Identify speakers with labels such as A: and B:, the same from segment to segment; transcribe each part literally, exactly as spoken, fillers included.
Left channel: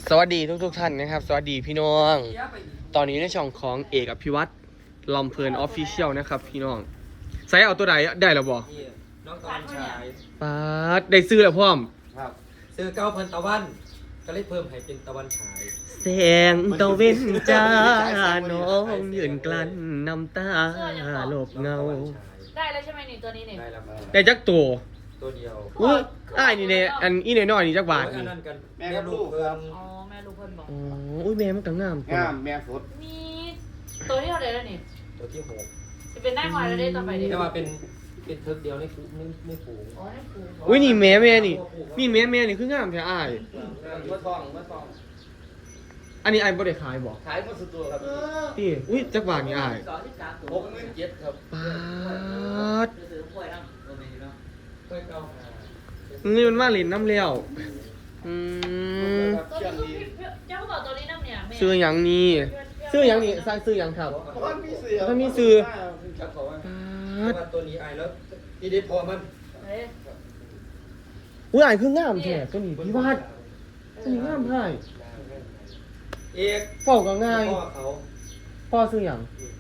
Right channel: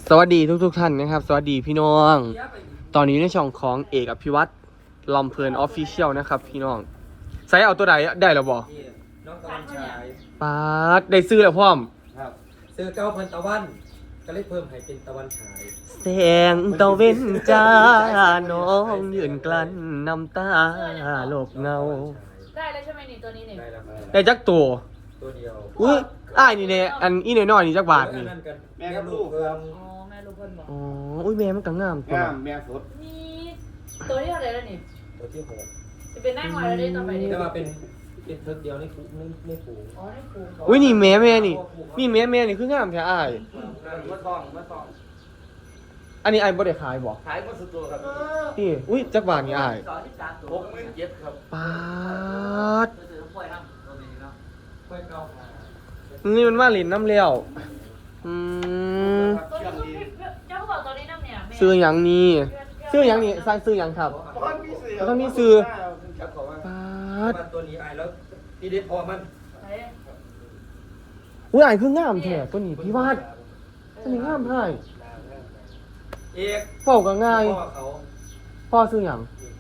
A: สวัสดีทุกทุกท่านนะครับสวัสดีพี่น้องตอนนี้ในช่องของเอกอภิวัตรลำเพลินออฟฟิเชียลนะครับพี่น้องใส่เอาตัวใดได้แล้วบ่
B: น้องตะวันฉาย
A: ปาดได้ซื้อแล้วพร้อม
B: ครับซื้อเก้าพันตะวันก็เลยเพิ่มให้เป็นตะวันฉาย
A: แสงตะเว้นจ้าน้องยืนกลั้นน้ำตาหลบเงา
C: ได้แล้วใช่ไหมนี่ตัวนี้นี่
B: ได้แล้ว
A: ได้จักตัว
B: ตัวเดียว
A: อุ้ยอ้ายนี่เนี่ยอันอีน้อยๆนี่จักบาท
B: อัน
A: นี่
B: นั้นกันแม่ลูกเพิ่ม
C: อ๋อแม่ลูกเพิ่นบอก
A: อ๋ออุ้ยแม่มันก็งามตัว
D: งามแม่ฝด
C: นี่ตัวที่เท่าไหร่แล้วนี่
B: ตัวที่หก
C: จะเป็นได้หอยแล้วได้ต่อไปดิ
B: แต่ว่าเป็นเป็นเทิร์กเดียวในฝูไม่ไม่ฝูง
C: อ๋อได้ครู
A: อุ้ยนี่แม่แม่นี่นี่แม่แม่นี่คืองามแท้อ้าย
D: เมื่อสองเมื่อสอง
A: อันนี้อ้ายบ่ได้ขายบ่
D: ขายมาสุดตัวครับ
A: นี่อุ้ยจักบาทนี่อ้าย
D: หกหมื่นเจ็ดครับ
A: ปาด
B: ไม่เก้า
A: นี่มันมาเล่นน้ำเลี้ยวอืม
C: ตัวนี้คือเจ้าเขาบอกตัวนี้น้ำเนี่ยแม่
A: ซื้อหยังนี่ซื้อหยังนี่สร้างซื้อหยังครับ
D: ท่านมีซื้อ
A: ปาด
B: ตัวนี้ไอแล้วอีเดทพอมัน
C: ไหน
A: อุ้ยอ้ายคืองามแท้ตัวนี้พี่วาดตัวนี้งามเท่าไหร่
B: เอก
A: เฝ้าก็ง่าย
B: พ่อเขา
A: พ่อซื้อหยัง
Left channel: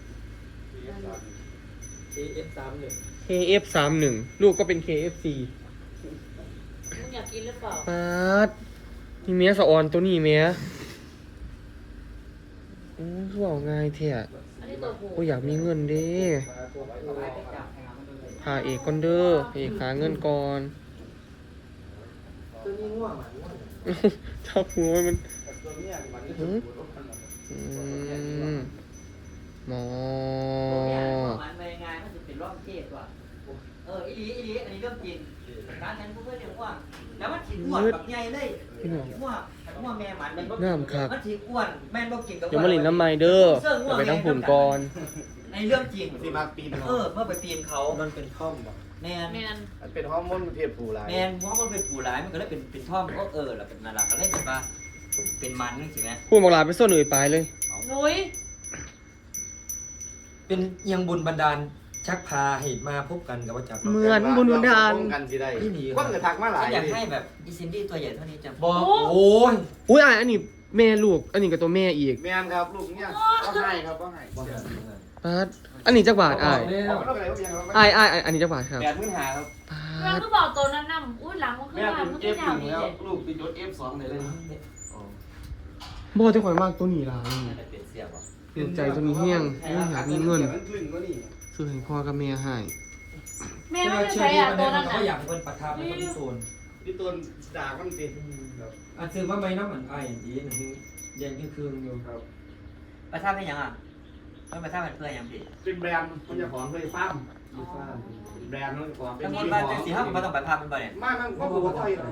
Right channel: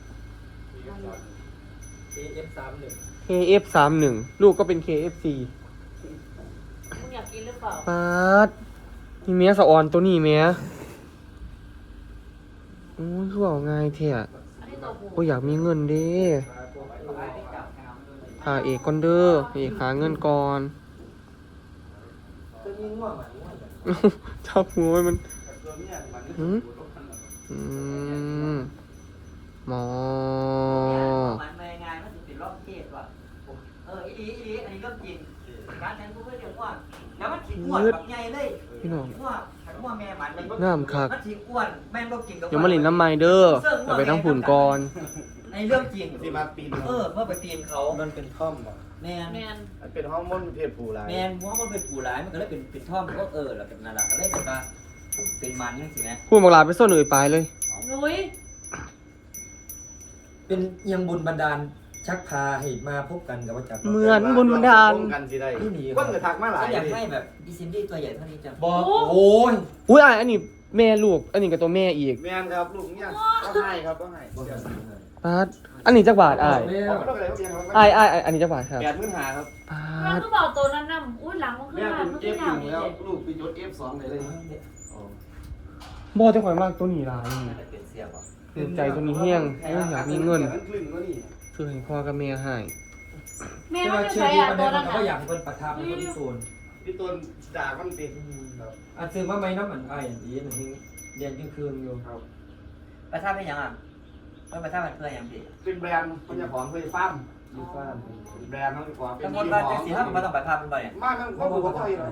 B: เอเอฟสามหนึ่ง
A: เค เอฟ สามสิบ ลูกก็เป็น เค เอฟ ซี
C: อยากกินหรือเปล่า
A: ปาดนี่เมียสะออนตัวนี้เมียโอ้ยคือเอาง่ายแท้
C: อันนี้ตัวผู้
A: โอ้ยอยากมีเงินเด้หาเอกก่อนเด้อเอกหาเงินก่อน
B: ตัวนี้ง่วงอ่ะ
A: ชอบงูมันหืมอืมหมอ
E: มันในงานมันจะเป็นรอบเทศว่ะเอออีลีอีลีอันนี้เรื่องจริงการเรียนรู้เรื่องกว้างแล้วมันถิ่นอ้วนแบบใหญ่เลย
A: พี่น้อง
E: อ้วนอ้วนแม่มัน
A: งามคัก
E: มันถิ่นอ้วนแม่ก็กินกับ
A: เดี๋ยวมาหลินน้ำไม้เด้อเดี๋ยวไปทั้งผุนก่อน
E: ในเรื่องจริง
D: ที่มาปีน
E: เออเมื่อไปปีนเขา
B: มันเป็นท่อมป่ะ
E: แมน
C: แมน
D: มันเป็นฮอร์โมนเพศผู้ร้าย
E: แมนเพราะมันเป็นผู้ร้ายมันก็เลยเป็นเป็นท่อมก็เออแล้วเป็นนาราก็เลยแบบว่าเป็นมันนึกสิไหม
A: พูดบอกลาไปส้นอื่นไปเลย
C: นุ้ย
B: เป็นเอียงบุญบันดาลชักพาให้มาพบกันกับพระเจ้า
A: เหมือนบุญบันดาล
D: กันสิได้
B: นี่หนี
D: คนเลยทักมาหลาย
E: ก็อยากให้แบบดิซินดี้ตัวใหญ่เท่านี้จัง
B: บอกโอ้ย
A: อุ้ยอ่ะอันนี้แม่ลูก อันนี้กับตัวแม่อีก
D: แม่นครับลูกเนี่ยก็ให้ครับก็ให้
B: บอก
D: เดี๋ยว
A: ปาดอันนี้จักบาทอ้าย
D: ผมก็เลยก็เรียนว่า
A: อ้ายอ้ายอ้ายอันนี้จักบาทครับ
D: แปดหมื่นห้าครับ
A: ปา
C: น้ำ
A: ด
C: ก็บอกตัวนั้นน้ำอุ้ยหลังมันขึ้
D: แม่
C: นหลั
D: เป็
C: ง
D: น
C: มัน
D: เอ
C: ขึ้น
D: ฟ
C: ห
D: ห
C: ลั
D: นึ่
C: ง
D: งแล้วลูกเป็นยศเอฟสองเลยเลย
A: บอจะข่อยมากตัวนี้หลายนี่
E: เป็นเสียบอ่ะ
A: คือใจตัวนี้แห้งโอ้ยอยากมีเงิน
D: มันคลึงก็นี่
A: ซื้อให้พ่อกับแม่ให้
C: แม่
B: แต่
C: ไม่
B: ว่า
C: ได้
B: เชื่อ
C: ใช้
B: ที่
C: อ่ะ
B: มัน
C: ตัว
B: ได้
C: นั้น
B: เขาก็อยา
C: อ่ะ
B: กเป็นประทับเป็นคนโซน
D: พี่ต้นด่ามันติดครับ
B: อันซื้อมาไหมน้ำมันไอ้ดีหนึ่งเรียนคืนอยู่
D: ครับ
E: ประทับเป็นยังอ่ะต้องประทับเป็นเพื่อนยังพี่
D: เป็นแบรนด์มันจะของเคยฟ้ามมีฟ้ามแบรนด์มันกว่าเป็
E: ทั้
D: น
E: งหมด
D: ยี่
E: มา
D: ห้อ
E: เป็นสี่ห้าผมมาต้องประทับเป็นบ่เนี่ย
D: มาทั้งครอบครัวเขาเลย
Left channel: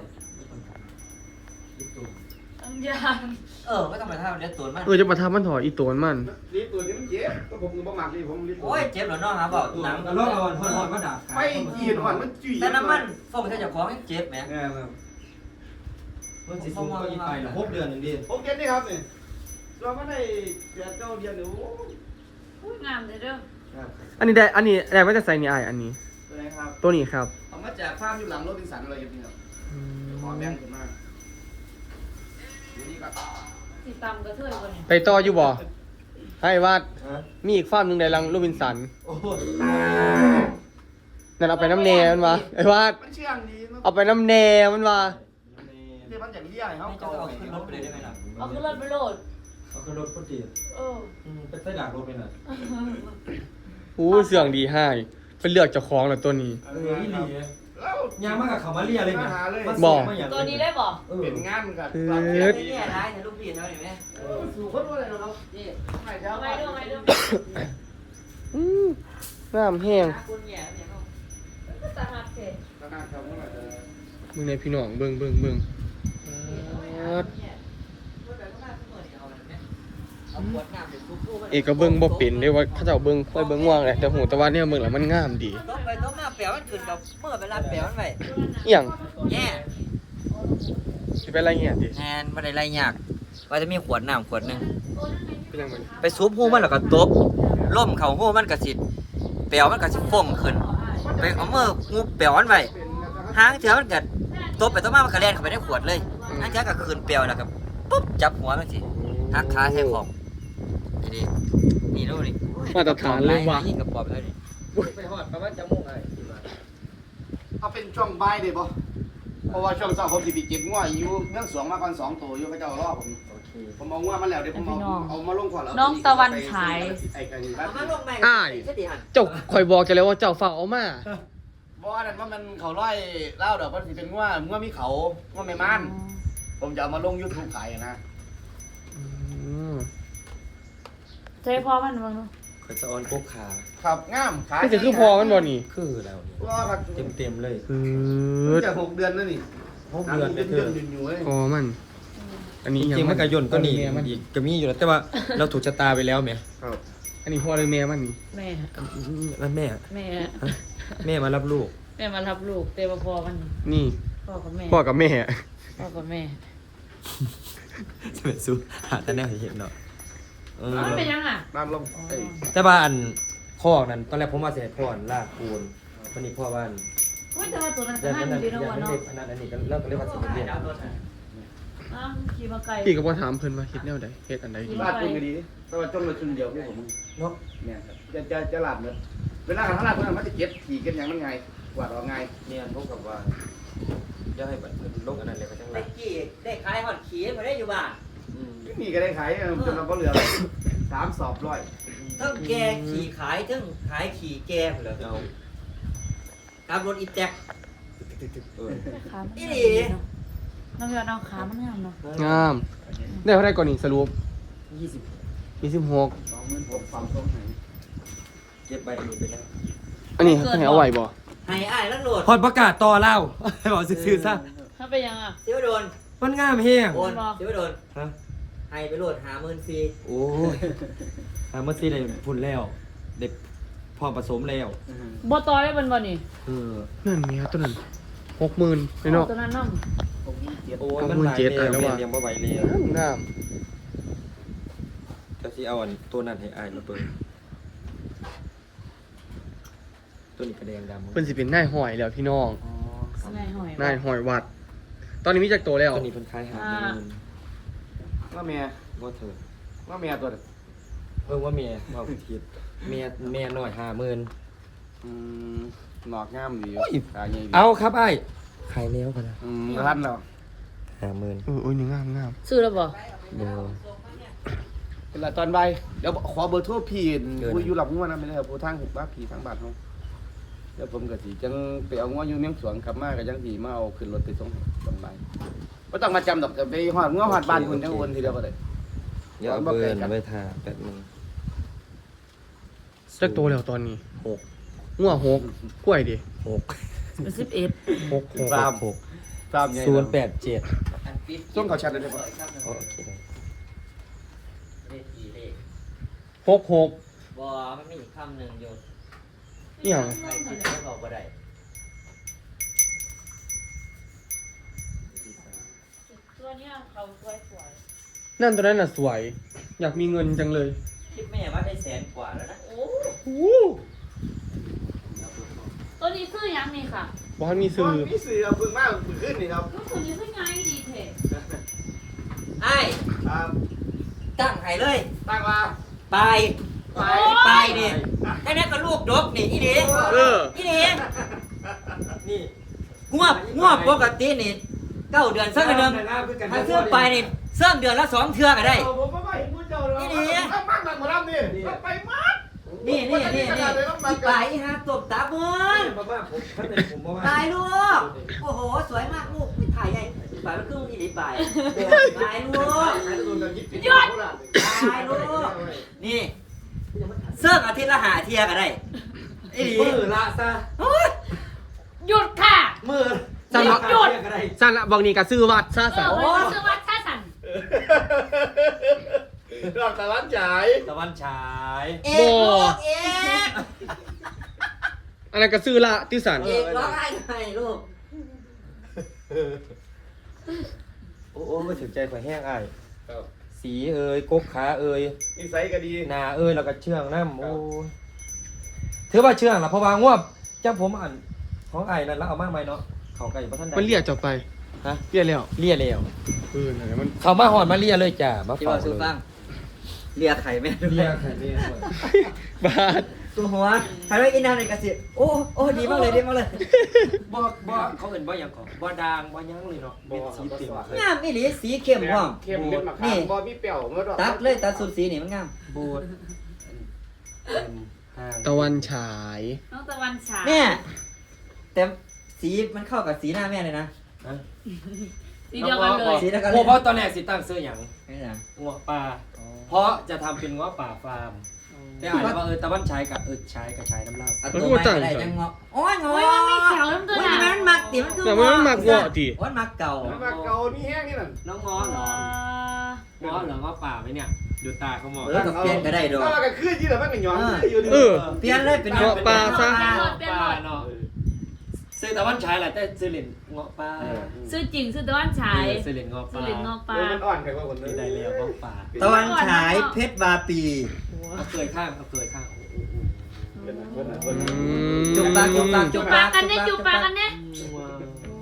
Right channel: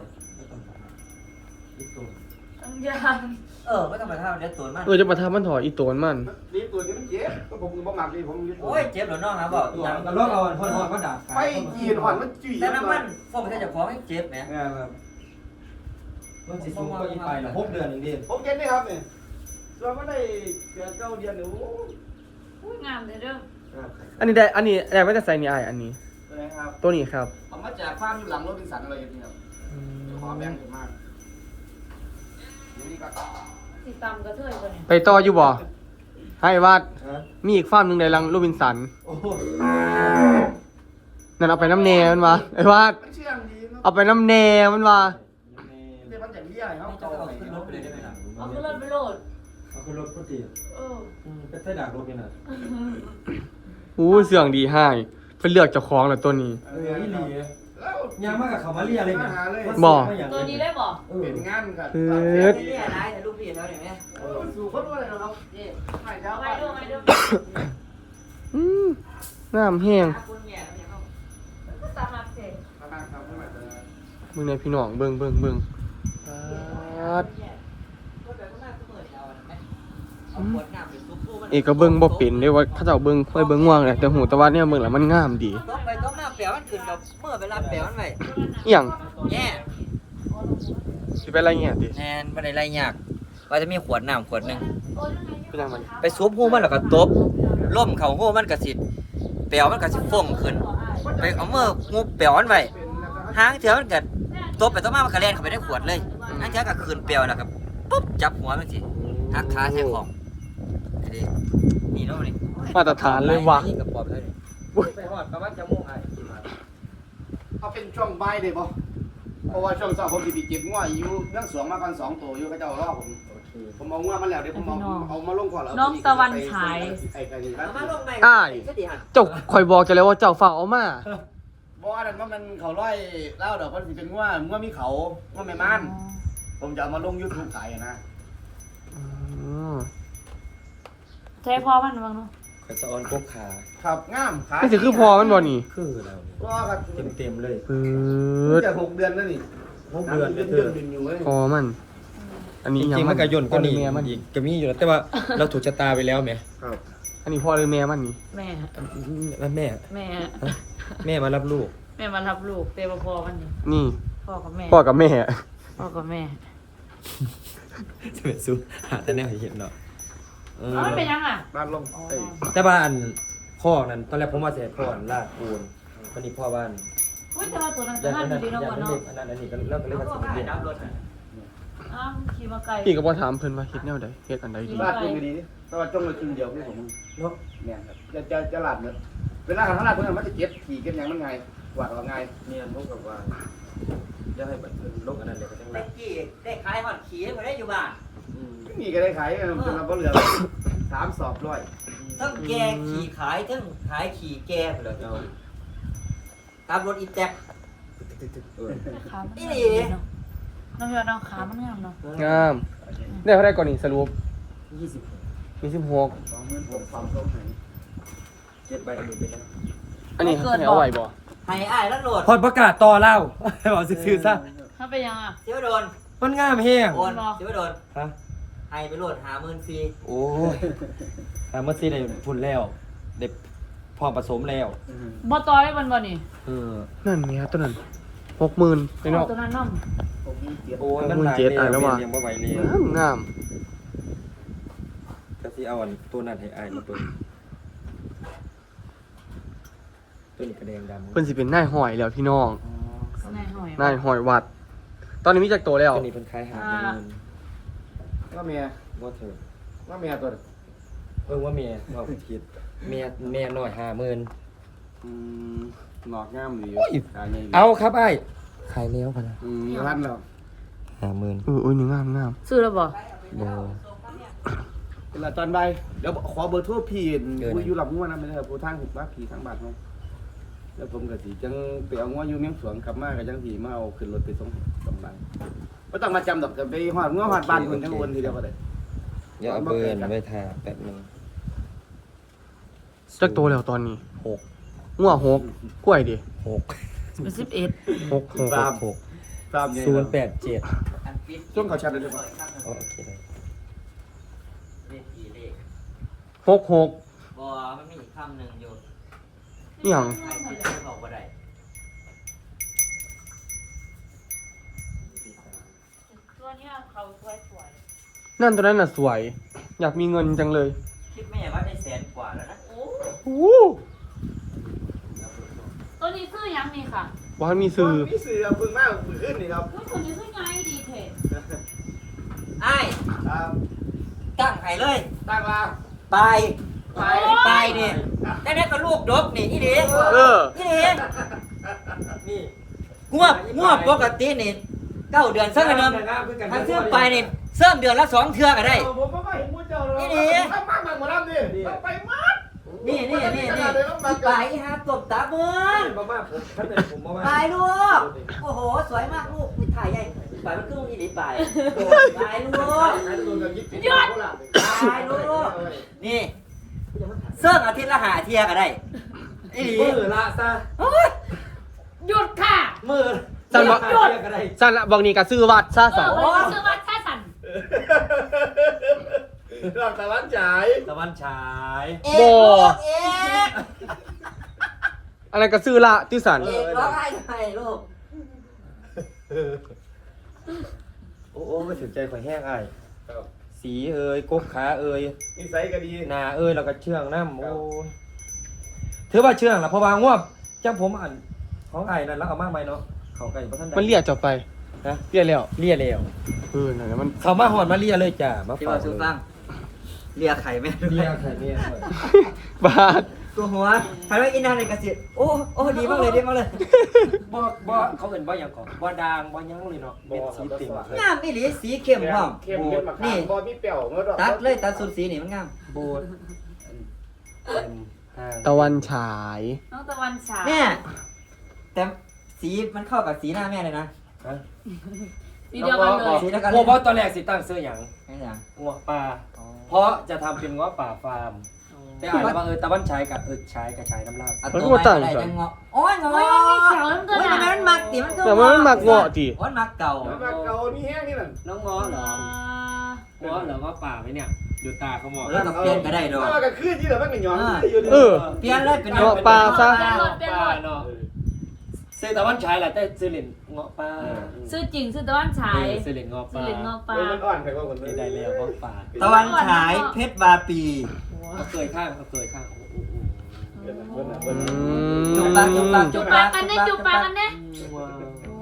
C: ต้องยาง
E: เออไม่ต้องประทับเดี๋ยวตัวมัน
A: เออจะประทับมันถอยอีโตนมัน
D: นี่ตัวนี้มันเจ็บก็ผมก็บ่มักนี่ผมเรียน
E: โอ้ยเจ็บเหรอน้องครับบอก
B: ตัว
E: หนัง
B: กระลอกเอาหอนหอนมาดัก
D: ไฟจีนหอนมันจุ๋ย
E: แต่น้ำมันพวกมันจะของเจ็บไหม
B: แง่แบบต้นสีสูงก็ยิ่งไปละหกเดือนหนึ่งเดือน
D: ผมเก็ตนี่ครับนี่เราไม่ได้เดือนเก้าเดือนหรือ
C: อุ้ยงามเลยเด้อ
A: อันนี้ได้ อันนี้ได้ไม่จะใส่นี่อ้ายอันนี้
D: อะไรครับ
A: ตัวนี้ครับ
D: ผมมาแจกฟ้าอยู่หลังรถบินสันเลยนี่ครับ
A: อืม
D: ขอแบ่งกันมากนี่ก็
C: ติดตามกระเทยก่อนเนี่ย
A: ไปต่ออยู่บ่ให้วาดมีอีกฟาร์มหนึ่งในรังโรบินสัน
B: โอ้โห
A: นั่นเอาไปน้ำแหนมันวะไอ้วาด
D: มันเชื่องดีเนาะ
A: เอาไปน้ำแหนมันวะ
D: เดี๋ยวมันอย่างเลี้ยงเขา
E: ไม่จะ
D: เก่า
E: เอา
D: ไหน
E: ขึ้นรถไปเลยได้ไหมล่ะ
C: เอาขึ้นรถไปโหลด
B: เอาขึ้นรถพุทธิ
C: เออ
B: เป็นไส้ด่างรถไปหน่อย
A: อู้เสื่องดีให้เพิ่นเลือกเจ้าของแล้วตัวนี้
B: เออนี่หลี
D: แล้ว
B: ยางมากกับเขามาเรียเลยเนี่ย
C: ตัวนี้ได้บ่
B: เออ
D: เป็นงานกับ
E: นี่ร้ายแต่ลูกพี่แล้วเห็นไหม
D: สู่คนว่าอะไรนะครับนี่ให้เจ้า
C: เอา
D: ไป
C: ไปดูไปดู
A: อืมงามแห้ง
C: ตาหักเสร็จ
A: เบิ่งในพี่น้องเบิ่งเบิ่งเบิ่งปาดเอกก็เบิ่งบ่เป็นเด้ว่าเขาเจ้าเบิ่งเคยเบิ่งง่วงเลยแต่หูแต่ว่าเนี่ยเบิ่งแล้วมันงามดี
E: ตบไปตบมาแปลมันขึ้นกับเมื่อเวลาแปลมันไป
A: อีหยัง
E: แย่
A: สิเป็นอะไรเงี้ยติ
E: แทนไม่ได้ไรยากว่าจะมีขวดน้ำขวดหนึ่ง
A: เป็นหยังมัน
E: ไปซุบหูมันแล้วก็ตบล่มเข่าหูมันกระสิแปลมันกระสิฟ่งขึ้นไปเอาเมื่องูแปลมันไปหางเถื่อมันกัดตบไปตบมามันกระเล่นเข้าไปในขวดเลยหางเถื่อก็คืนแปลแล้วครับปุ๊บจับหัวมันสิทักขาใส่ของนี่นี่นู่นนี่
A: มาตรฐานเลยว่ะ
E: นี่กระป๋องเลยนี่
B: ไปหอดประมาณจะมุ่งไง
D: เอาเป็นช่วงบ่ายได้บ่เพราะว่าช่วงเช้าผมสิไปเก็บงัวอยู่เมืองสวงมากันสองตัวอยู่เขาเจ้ารอผม
B: โอเค
D: ผมเอางัวมาแล้วเดี๋ยวผมเอาเอามาลงก่อนแล้ว
C: น้องตะวันขาย
D: ไอ้ไอ้บ้าน
E: เอามาลงแม่
A: อ้าย
E: แค่ดีหัน
A: เจ้าคอยบอกจะแล้วว่าเจ้าฝากเอามา
D: บ่อันนั้นว่ามันเขาร้อยเล่าดอกมันสิเป็นงัวงัวมีเขางัวไม่มันผมจะเอามาลง YouTube ขายอะนะ
A: อืม
C: ใช้พอมันมั้ง
B: ข่อยจะออนกกขา
D: ครับงามขาย
A: นี่จะคือพอมันบ่นี่
B: คือเรา
D: ก็ครับ
B: เต็มเต็มๆเลย
A: ปืด
D: จะหกเดือนแล้วนี่
B: หกเดือน
D: เดื
B: เดื
D: อ
B: อน น
D: เดือนอยู่เลย
A: พอมัน อันนี้
B: จ
A: ยัง
B: ริงๆมันกระยนก็นี่
A: แม่มัน
B: อีกก็มีอยู่แล้วแต่ว่าเราถูกชะตาไปแล้วไหม
D: ครับ
A: อันนี้พ่อเลยแม่มันนี่
C: แม่
B: แล้วแม่
C: แม่
B: แม่มารับลูก
C: แม่มารับลูกเตะพอกัน
A: นี่
C: พ่อกับแม่
A: พ่อกับแม่
C: พ่อกับแม่
B: จะเป็นสู้หาแต่แนวให้เห็นเนาะเออ
C: มันเป็นยังอ่ะ
D: น้ำลงเอ้ย
B: แต่ว่าอันข้อนั้นตอนแรกผมว่าจะให้พ่ออันลากปูนตอนนี้พ่อบ้าน
C: อุ้ยแต่ว่าตัวนั้น
B: อ
C: จะ
B: ยาก
C: น่า
B: ให้
C: ดู
B: มัน
C: ดีเนาะ
B: อยากให้
C: เนาะ
B: เด็กอันนั้นอันนี้ก็เริ่มก็เลยว่าจะเป็นเรียน
C: อ้าวขี่มาไกล
A: พี่ก็บ่ถามเพิ่นว่าเฮ็ดแนวใดเฮ็ดอันใดดี
D: ลาดคุณดีเพราะว่าจ้องเลยคุณเดียวที่ผมเนาะเนี่ยครับจะจะจะหลับเนี่ยเวลาข้างหน้าคนนั้นมันจะเก็บขี่เก็บอย่างมันไงกวาดออกไง
B: เนี่ยพวกแบบว่าอยากให้แบบโลกอันนั้นเลยก็ต้อง
E: เด็
B: รั
E: ก
B: ก
E: กี่เด็กขายหอดขี่ไม่ได้อยู่บ้าน
B: อืม
D: ไม่มีก็ได้ขายจนเราก็เหลือสามสอบร้อย
E: ทั้งแกขี่ขายทั้งขายขี่แกเลย
B: เอา
E: ขับรถอีแท็ก
B: เออ
C: ครับ
E: อี
C: น้องยอดน้องขามันงามเนาะ
A: งาม ได้เท่าไหร่ก่อนนี่สรุป
B: ยี่สิบ
A: ยี่สิบหก
D: สองหมื่นหกสามสองไหน
B: เจ็ดใบอันนี้เป็นอะไร
A: อันนี้ให้เอาไว้บ่
E: ให้อ้ายแล้วโหลด
B: พอดประกาศต่อเล่า บอกซื่อๆซะ
C: ถ้าเป็นยังอ่ะ
E: เสียวโดน
B: มันงามแห้ง
E: โอนเสียวโดน
B: ฮะ
E: ให้ไปโหลดหาหมื่นฟรี
B: โอ้ยแต่เมื่อซี่ได้พุ่นแล้วได้พอผสมแล้ว
C: บ่ต้อยมันบ่นี่
B: เออ
A: นั่นแม่ตัวนั้นหกหมื่นไปเนาะ
C: ตัวนั้นน้ำ
D: ผมมีเกียรติ
B: โอ้ยมัน
A: หกหมื่น
B: หลาย
A: เจ็ด
B: แล้
A: อ่ะแล้ว
B: ว
A: ว่ะ
B: เรียงบ่ไหวแล้ว
A: งาม
B: ก็สิเอาอันตัวนั้นให้อายมาเบิ่งตัวนี้กระแดงดำ
A: เพิ่นสิเป็นนายห้อยแล้วพี่น้อง
C: แม่หน่อย
A: นายห้อยวัด ตอนนี้มีจักโตแล้ว
B: ตัวนี้เพิ่นขายหาหมื่น
D: ว่าเมีย
B: บ่เถิด
D: ว่าเมียตัว
B: เออว่าเมียว่าผิดเมียเมียน้อยห้าหมื่น
D: อืมหนอกงามดี
B: โอ้ย
D: ขายใหญ่
B: เอาครับอ้ายขายแล้วพะนะ
D: อืมพันแล้ว
B: ห้าหมื่น
A: เออเอ้ยนี่งามงาม
C: ซื้อแล้วบ่
B: บ่
D: เวลาตอนบ่ายเดี๋ยวขอเบอร์โทรพี่
B: เออนะ
D: ผู้อยู่หลับงัวนะไม่ได้ผู้ทางหกบ้าพี่ทางบาทเนาะแล้วผมก็สิจังไปเอางัวอยู่เมียงสวนกลับมาก็จังสิมาเอาขึ้นรถไปส่งตอนบ่ายบ่ต้องมาจำดอกจะไปฮอดงัวฮอดบ้านเพิ่นจังโอนทีเดียวก็ได้
B: อย่าเอาเบิร์นไว้ทาแป๊บหนึง
A: จักโตแล้วตอนนี้
B: หก
A: งัวหกกล้วยดิ
B: หก
C: สิบเอ็ด
A: หกหก
B: สามหก
D: ตามใหญ่
B: ศูนย์แปดเจ็ด
E: อันปิด
D: ส่งเขาแชทได้เลยป่ะ
B: โอเคได้
E: เลขกี่เลข
A: หกหก
E: บ่มันมีอีกคำหนึ่งอยู่
A: อหย่าง
E: ใครคิดไม่ออกบ่ได้
C: ตัวเนี้ยเขาสวยสวย
A: นั่นตัวนั้นน่ะสวย อยากมีเงินจังเลย
E: คิดไม่อย่างว่าได้แสนกว่าแล้วนะโอ้
A: โอ้
C: ตัวนี้ซื้อยังนี่ค่ะ
A: ว่ามีซื้อ
D: มีสื่อเอาเพิ่งมาเพิ่งขึ้นนี่ครับ
C: ตัวนี้ซื้อง่ายดีเถอะ
E: ไอ้าย
D: ครับ
E: ตั้งให้เลย
D: ตั้งมา
E: ไปไปไปนี่แต่นี่ก็ลูกดกนี่อีเดี
A: เออ
E: อีเดี
B: นี่
E: งวบงวบปกตินี่เก้าเดือนเสื่อกันเดิมทางเสื่อไปนี่เสื่อมเดือนละสองเทื่อก็ได้
D: ผมก็ไม่เห็นมูเจ้าเลย
E: นี่ดิ
D: ต้องมากมากมารับนี่ต้องไปมาก
E: นี่นี่นี่นี่ไปฮะตบตาเมือง
B: มาม่าผมท่านไหนผมมาม่า
E: ตายลูกโอ้โหสวยมากลูกไม่ถ่ายใหญ่ไปมันคืออีหลีไปตายลูก
C: ยอด
E: ตายลูกนี่เสื่อมอาทิตย์ละหาเที่ยก็ได้อีหลี
B: มือละซะ
E: โอ้ย
C: หยุดค่ะ
B: มือ
A: สั่นวะ
B: หยุดก็ได้
A: สั่นละบางนี้ก็ซื้อวัดซะ
C: เอ
A: สั่น
C: อวันนี้ซื้อวัดท่าสัน
D: รอบตะวันฉาย
B: ตะวันฉาย
E: เอกลูกเอก
A: อันนั้นก็ซื้อละที่สั่น
E: เอกร้องไห้ทำไมลูก
B: โอ้โอ้ไม่สนใจไฟแห้งไอ้าย
D: ครับ
B: สีเอ่ยกกขาเอ่ย
D: นิสัยก็ดี
B: หนาเอ้ยเราก็เชื่องน้ำโอ้ถือว่าเชื่องละเพราะว่างวบจ้าผมอ่านของไอ้นั่นแล้วเอามากไหมเนาะเขาไก่พระท่านใด
A: มันเรียกเจ้าไป
B: มฮะ
A: เรียกแล้ว
B: เลียแล้ว
A: เออนั่นแหละมัน
B: เขามาหอดมาเลียเลยจ้ามา
E: ที่
B: ฝา
E: ว่าก สุ
B: เลย
E: ฟังเลียไข่ไม่
B: เลียไข่เนี่ย
A: บาด
E: ตัวหัวใครไม่อินนานเลยกระสิโอ้โอ้ดีมากเลยดีมากเลย
B: บ่บ่เขาเอิ้นบ่หยังก่อนบ่ด่างบ่หยังเลยเนาะเป็นสีเต็มเลย
E: งามอีหลีสีเข้มพร้อม
D: เข้มเป็นมะขามบ่มีเปรี้ยวเมื่อดอก
E: ตัดเลยตัดสุดสีนี่มันงาม
B: โบดเต็มห้าง
A: ตะวันฉาย
C: น้องตะวันฉาย
E: เนี่ยแต่สีมันเข้ากับสีหน้าแม่เลยนะ
B: ฮะ
C: สีเดียวกันเลย
E: สีเดียวกัน
B: โอ้เพราะตอนแรกสิตั้งซื้อหยัง
E: ไม่ใช่
B: งัวปลาเพราะจะทำเป็นงัวป่าฟาร์มแต่อ่านแล้วว่าเออตะวันฉายกับเออฉายกับฉายน้ำลาด
E: เอาตัวไม้อะไรจังเงาะโอ้ยเงาะ
C: โอ้ยมันมีเขียวน้ำตา
E: โอ้ย
C: ล
E: มันมักติมันคือ
A: แต่มันมักเงาะติ
E: โอ้ยมักเก่า
D: แล้วมาเกานี่แห้งนี่นั่น
B: น้องง้อเหรอง้อเหรอง้อป่าไหมเนี่ยดูตาเขามอง
E: เออกับเปลี่ยนก็ได้ดอก
D: ก็คือที่เราไม่กันย้อนอยู่
A: เออ
E: เปลี่ยนเลยเป็น
A: เงาะปลาซะ
B: เงาะปลาเนาะซื้อตะวันฉายแหละแต่ซื้อเหรียญเงาะปลา
C: ซื้อจริงซื้อตะวันฉาย
B: เออซื้อเหรียญเงาะป
C: ซื้อ
B: ลา
C: เหรียญงอปลา
D: มันอ่อนแค่ว่าคน
B: ได้แล้วเงาะปลา
E: ตะวันฉายเพชรบาปี
B: เอาเกยข้างเอาเกยข้างโอ้โห
A: อืม
E: จุกปากจุกปาก
C: จูบปากกันเนี่ยจูบปากกันเนี่ย
B: ว้าว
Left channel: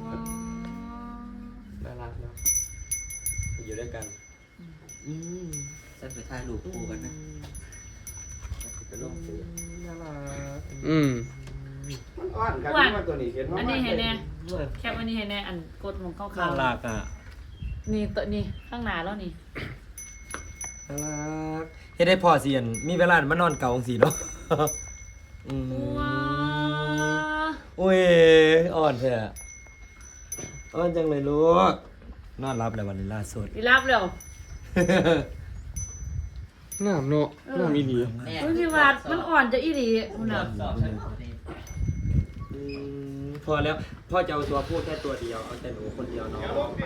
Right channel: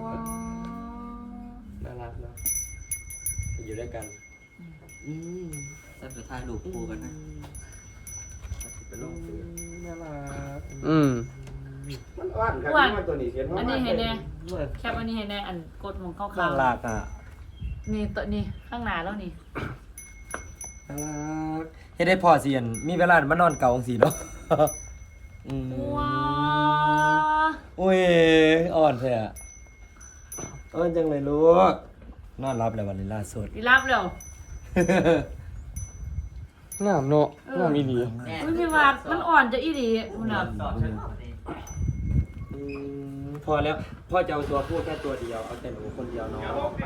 B: น่ารักเนาะอยู่ด้วยกัน
E: อืมสักหรือถ่ายรูปคู่กันนะ
B: เป็นลูกน่ารัก
A: อืม
D: มันอ่อนครับตัวนี้เห็น
C: อันนี้เห็นแน่แคปอันนี้เห็นแน่อันกดของเขา
B: น่า
C: เขา
B: รักอ่ะ
C: นี่ตัวนี้ข้างหน้าแล้วนี่
B: น่ารักเฮ็ดได้พอเสียนมีเวลามานอนเก่าองสีเนาะอืม
C: ว้าว
B: อุ้ยอ่อนแท้อะอ่อนจังเลยลูกนอนรับแล้ววันนี้ล่าสุด
C: อีรับเร็ว
A: งามเนาะงามอีหลี
C: อุ้ยพี่วาดมันอ่อนจะอีหลีคุณน่ะ
B: อืมพอแล้วพ่อจะเอาตัวพูดแค่ตัวเดียวเอาแต่หนูคนเดียวน้องไป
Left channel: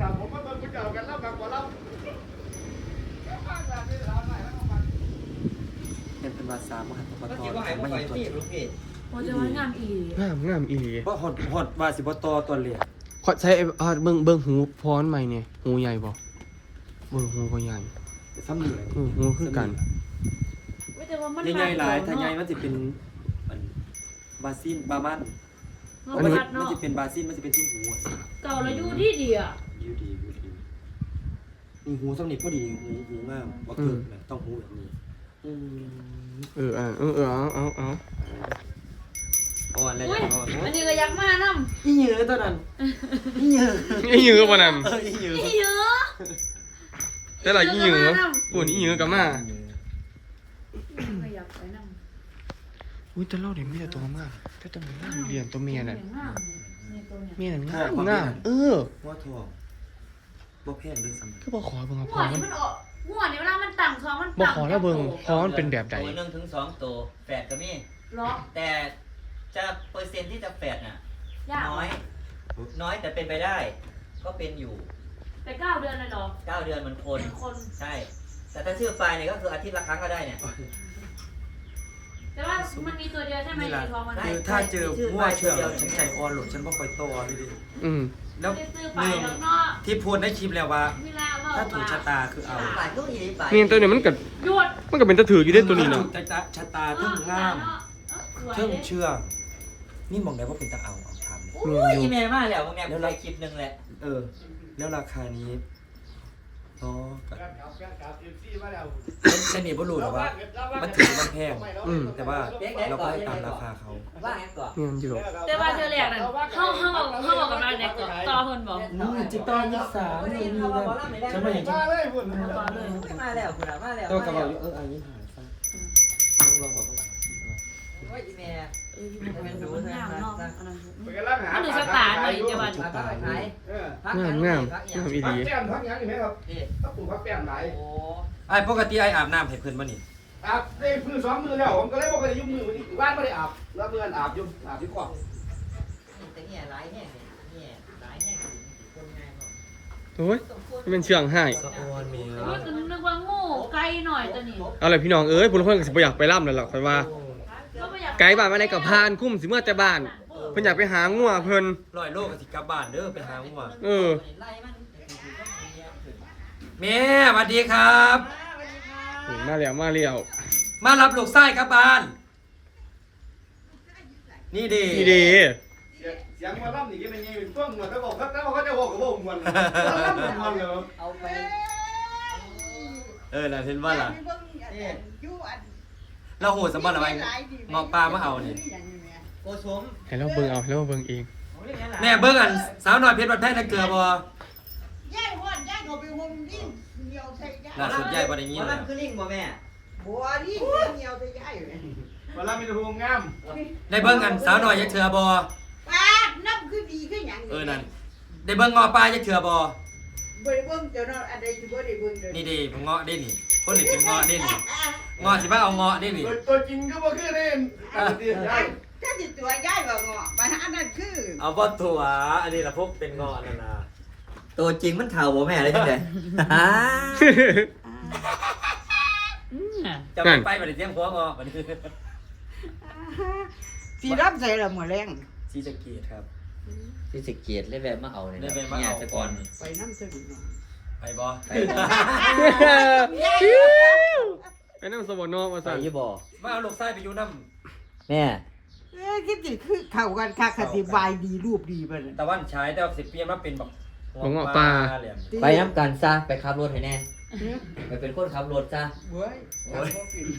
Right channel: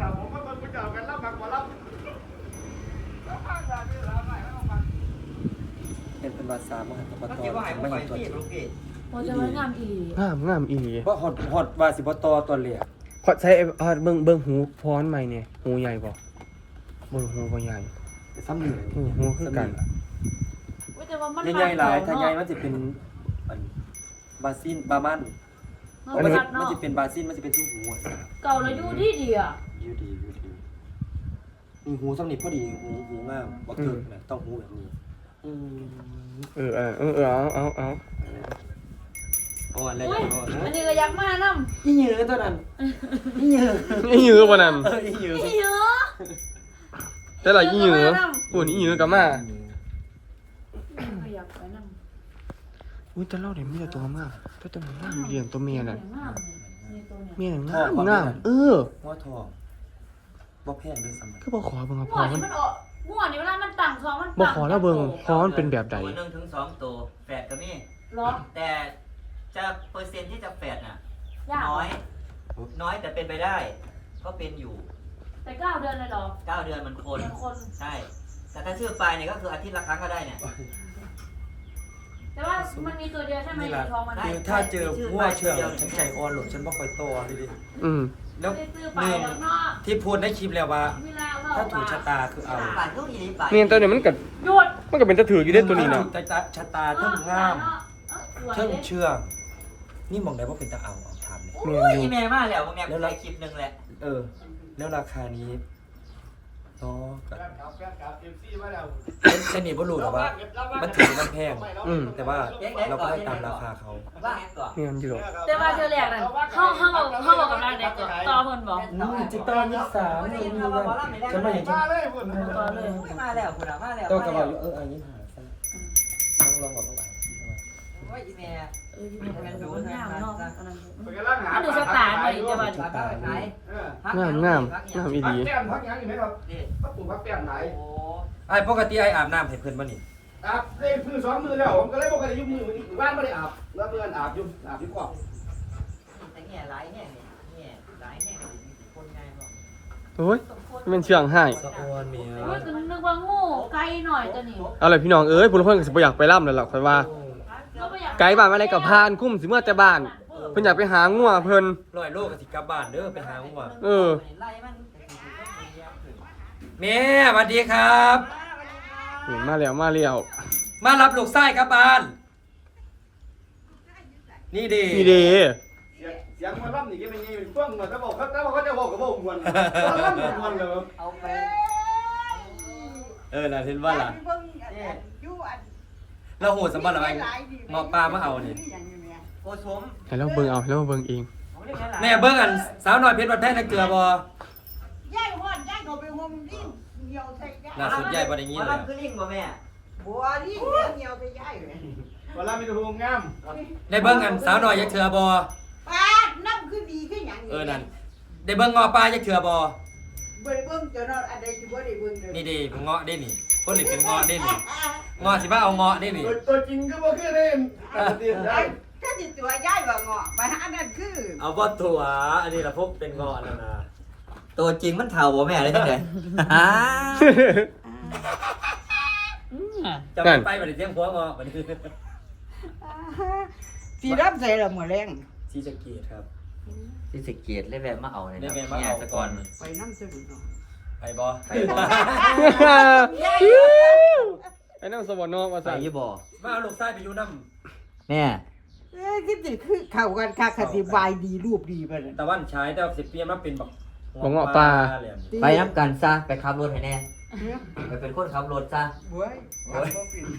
B: เป็นเป็นภาษามหาปตอไม่เห็นตัวจริง
C: โอ้จะไม่งามอีหลี
A: งามงามอีหลี
B: เพราะฮอดฮอดว่าสิปตอตัวเหลีย
A: ขอใช้เอ่อเบิ่งเบิ่งหูพรใหม่เนี่ยหูใหญ่บ่เบิ่งหูบ่ใหญ่
B: ซ้ำเหลือ
A: หูหูคือกัน
C: อุ้ยแต่ว่ามัน
B: ใหญ่ๆหลายถ้าใหญ่มันจะเป็นอันบาซินบามัน
C: มั
B: มัน
C: น
B: จะ
C: เนาะ
B: มันจะเป็นบาซินมันจะเป็นทุ่งหูอ่ะ
C: เก่าแล้วอยู่ที่ดีอ่ะ
B: ยูดียูดีนี่หูซ้ำนี่พอดีหูหูงามบ่เกิดนะต้องหูแบบนี้อืม
A: เออเออเออเออเอาเอาเอา
B: อ่อนแล้ว
C: อุ้ย
B: อ่อน
C: อันนี้ก็ยักมากน้ำ
B: อีเหยือตัวนั้นอีเหยือ
A: อีหยือบ่นั่น
B: เอออีเหยือ
C: อีเยอะ
A: แต่ละอีหยือปุ่นอีหยือก็มา
C: ขยับไปน้ำ
A: อุ้ยแต่เราเดี๋ยวมีแต่ตัวมากแต่ตัวงามเลี้ยงตัวเมียน่ะ
C: งามนี่ตัวเนี่ย
A: เมียน่ะงามงามเออ
B: หัวทองบ่แพงด้วยซ้ำ
A: คือบ่ขอเบิ่ง
C: หั
A: พ
C: ว
A: ร
C: นี่มันออกหัวนี่เวลามันต่างคอมัน
A: บ่
C: ต่าง
A: ขอแล้วเบิ่งพรมันเป็นแบบใด
E: ตัวหนึ่งถึงสองตัวแฝดก็มี
C: ล็อก
E: แต่จะเปอร์เซ็นต์ที่จะแฝดน่ะ
C: ยาก
E: น้อย น้อยแต่เป็นไปได้ ก็เป็นอยู่
C: ไปเก้าเดือนเลยเหรอ
E: เก้าเดือนเหมือนคน
C: คน
E: ใช่ แต่ถ้าชื่อปลายเนี่ยก็คืออาทิตย์ละครั้งก็ได้เนี่ย
C: แต่ว่ามันมีตัวเดียวใช่ไหม
B: นี่ล่ะ
C: ในท้องมัน
B: คือถ้าเจอหัวเชื่องฉันใจอ่อนหลดฉันบ่ค่อยโตเลยดิ
A: อืม
B: แล้ว
C: ไม่ได้ซื้อไป
B: ลืม
C: แล้วเนาะ
B: ที่พูดในคลิปแล้วว่า
C: เวลาเรา
B: ถ้าถูกชะตาคือเอา
E: ปลายพวกอีปลาย
A: เมียตัวนี้มันก็
C: หยุด
A: มันก็เป็นตะถืออยู่ได้ตัวนี้
B: ถ้า
A: เนาะ
B: ถูกชะตาเทั้งงามเทั้งเชื่องนี่มองได้ว่าเป็นตะเอาเอาถามเลย
C: โอ้
A: เมีย
C: ย
A: อยู่
E: อีเมลมาแล้วผมเนี่ยแค่คลิปหนึ่งแหละ
B: เออ แล้วราคานี้เนาะก็ฉันนี่บ่รู้หรอกว่า มันถือมันแพง
A: อืม
B: แต่ว่าเราก็ให้ตามราคาเขา
E: ว่าไงก่อน
A: เมียอยู่หรอก
C: แต่ว่าเธอแรกนั่นเขาเขาบอกเขาบอกกับเราเด็กก่อนต่อเพิ่นบอก
B: อืมจิตตอนยี่สิบสามนี่นี่นั่นฉันมาอย่างฉัน
C: ต่อเลย
E: มาแล้วคุณมาแล้ว
B: ตัวกระเป๋าอยู่เอออันนี้หาซะลองลองบอกเขาไป
E: ว่าอีเมล
C: เอออยู่ในมันงามเนาะอันนั้น
D: มันกำลังหา
C: มันดูสตาร์หน่อยจะว่า
B: ชะตาเลย
A: งามงามงามอีหลี
D: แก้มพักยังเห็นครับพักปุ่มพักแก้มไหน
E: โอ้
B: ไอ้ปกติไอ้อาบน้ำให้เพื่อนบ่นี่
D: อาบได้มือสองมือแล้วผมก็เลยบอกว่ายุบมืออีกบ้านไม่ได้อาบแล้วเมื่อนอาบยุบอาบยุบขอบ
E: แต่เนี่ยหลายเนี่ยเนี่ยหลายเนี่ยคนไง
A: โอ้ยมันเป็นเชื่องให้
B: สะออนเมีย
C: โอ้ยนึกว่าโง่ไกลหน่อยตัวนี้
A: เอาเลยพี่น้องเอ้ยผู้คนก็สิบ่อยากไปร่ำแล้วล่ะค่อยว่า
C: ก็ม่อยาก
A: ไกด์บ้านมาอะไรกับพานคุ้มสิเมื่อแต่บ้าน เพิ่นอยากไปหางัวเพิ่น
B: ร้อยโลกับสิกลับบ้านเด้อไปหาหัว
A: เออ
B: แม่สวัสดีครับ
A: เห็นมาแล้วมาแล้ว
B: มารับลูกไส้กลับบ้าน นี่ดี
A: นี่เดี
D: เเสียงมาล่ำนี่ก็เป็นยังเป็นต้นเหมือนเขาบอกเขาเขาจะบอกกับบอกมวนล่ำมวนเลย
E: เอาไป
B: เออน่ะเห็นว่าล่ะ
E: เนี่ย
B: เราโหดสมบัติอะไรงอกปลามาเอาดิ
E: โอ้ชุม
A: ให้เราเบิ่งเอาให้เราเบิ่งเอง
B: แม่เบิ่งอันสาวน้อยเพชรบัดแพงนักเกลือบ่ล่าสุดยายบ่ได้ยิน
E: มั
B: แล้
E: น
B: ว
E: คือลิงบ่แม่
D: เวลามีรูงาม
B: ได้เบิ่งอันสาวน้อยยักเถื่อบ่เออนั่นได้เบิ่งงอปลายักเถื่อบ่นี่ดิผมเงาะได้นี่คนนี่เป็นเงาะได้นี่เงาะสิมาเอาเงาะได้นี่
D: ตัวจริงก็บ่คือได้อันเดียวได้
B: เอาบ่ถั่วอันนี้ล่ะพวกเป็นเงาะนั่นน่ะ
E: ตัวจริงมันเท่าบ่แม่เลยจังได๋
B: จะไปบ่ได้เสียงหัวเงาะบัดนี้
F: สีรับใส่ละหมดแรง
B: สีสะเกียดครับ
E: ที่สิเกียรติเลยแวะมาเอาเลย
B: ได้แวะมาเอาก่อน
F: ไปน้ำสะดุด
B: ไปบ่
A: ไปนั่งสวรรค์เนาะว่า
E: ไป
A: ซั่น
E: อยู่บ่
B: มาเอาลูกชายไปอยู่นำ
E: แม่
F: เอ้ยคิดสิคือเข้ากันคักคติบายดีรูปดีไปเลย
B: ตะวันฉายแต่ว่าสิเปลี่ยนมาเป็นบัก
A: บ่เงาะปลา
E: ไปนำกันซะไปขับรถให้แน่ไปเป็นคนขับรถซะ
F: เว้ย
B: โอ้ย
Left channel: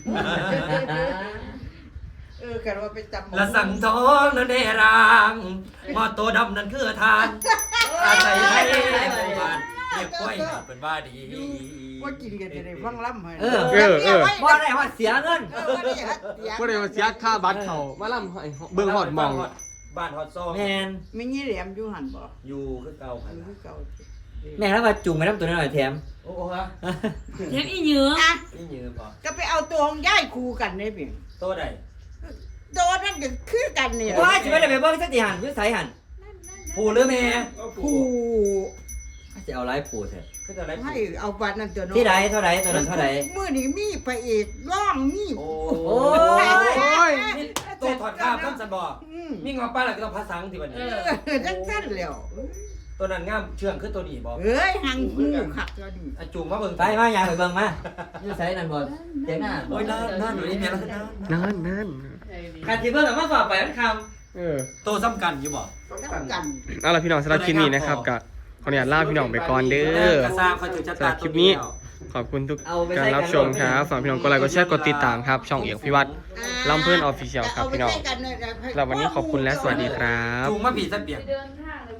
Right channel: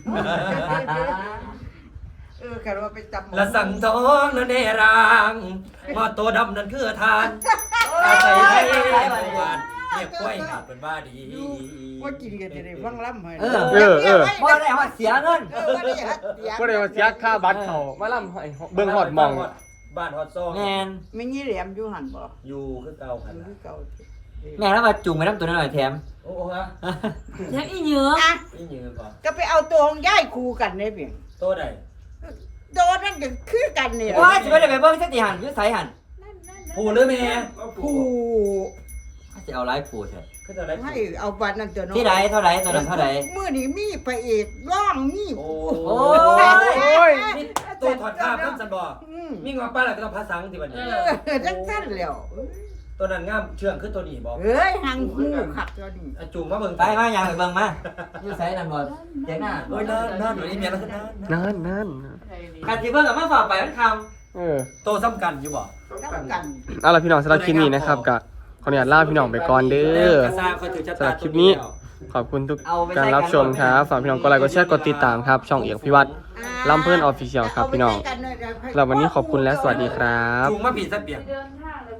F: เออกันว่าไปจำ
B: ละสั่งทองนั่นเนรางมอตัวดำนั่นคือทาน อาศัยไทยหมู่บ้านเรียกกล้วยหาเป็นว่าดี
F: ว่ากินกันจะได้ฟังล่ำให้
E: เออ
A: เออเออ
E: บ่ได้ว่าเสียเงิน
F: เออว่าได้ฮัดเสียง
A: บ่ได้ว่าเสียค่าบัตรเข้ามาล่ำให้เบิ่งฮอดหมอง
B: บ้านฮอดซอง
E: แม่น
F: ไม่งี้แหลมอยู่หันบ่
B: อยู่คือเก่าครับ
F: อยู่คือเก่า
E: แม่แล้วมาจุงไปนำตัวน้อยแถม
B: โอ้โหฮะ
C: แถมอีเหยือ
F: อ่ะ
B: นี่ยืนก่อน
F: ก็ไปเอาตัวของย่ายคู่กันได้เพียง
B: โตได้
F: โดนนั่นก็คือกันนี่แหละ
E: ว่าสิบ่ได้ไปเบิ่งจักสิหันอยู่ไสหัน
B: ผู้หรือแม่
F: คู่
E: สิเอาหลายผู้แท้
B: คือจะได้
F: ให้เอาบัตรนั่นตัวน้อย
E: ที่ใดเท่าใดตัวนั้นเท่าใด
F: มื้อนี้มีพระเอกร้องมี
B: โอ้
E: โอ้
A: โอ้ย
B: นี่ตัวถอดข้าวข้ามสันบ่
F: อืม
B: มีงอป้าแล้วก็ต้องภาษาอังกฤษบัด
F: เอ
B: นี้
F: อจังซั่นแล้ว
B: ตัวนั้นงามเชื่องคือตัวนี้บ่
F: เอ้ยหังหูคักตัวนี้
B: อ่ะจุ่มมาเบิ่ง
E: ไปมาอยากไปเบิ่งมาอยู่ไสนั่นบ่เจ๊งหน้า
B: โอ้ยนอนนอนหนูนี่แม่แล้วนอน
A: นั่นนั่น
E: คันสิเบิ่งก็มาฝากไปมันคำ
A: เออ
B: โตซ้ำกันอยู่บ่
F: กัน
A: เอาล่ะพี่น้องสำหรับคลิปนี้นะครับก็ขออนุญาตลาพี่น้องไปก่อนเด้อ
B: กระซ่าคอยถือชะ
A: สำห
B: ตา
A: รับคลิปนี้ ขอบคุณทุกการรับชมครับฝากพี่น้องกดไลค์กดแชร์กดติดตามครับ ช่องเอกพิวัตรลำเพื่อนออฟฟิเชียลครับพี่น้องสำหรับวันนี้ขอบคุณและสวัสดีครับ
B: จุ่มมาผีซะเปียก
C: เดิน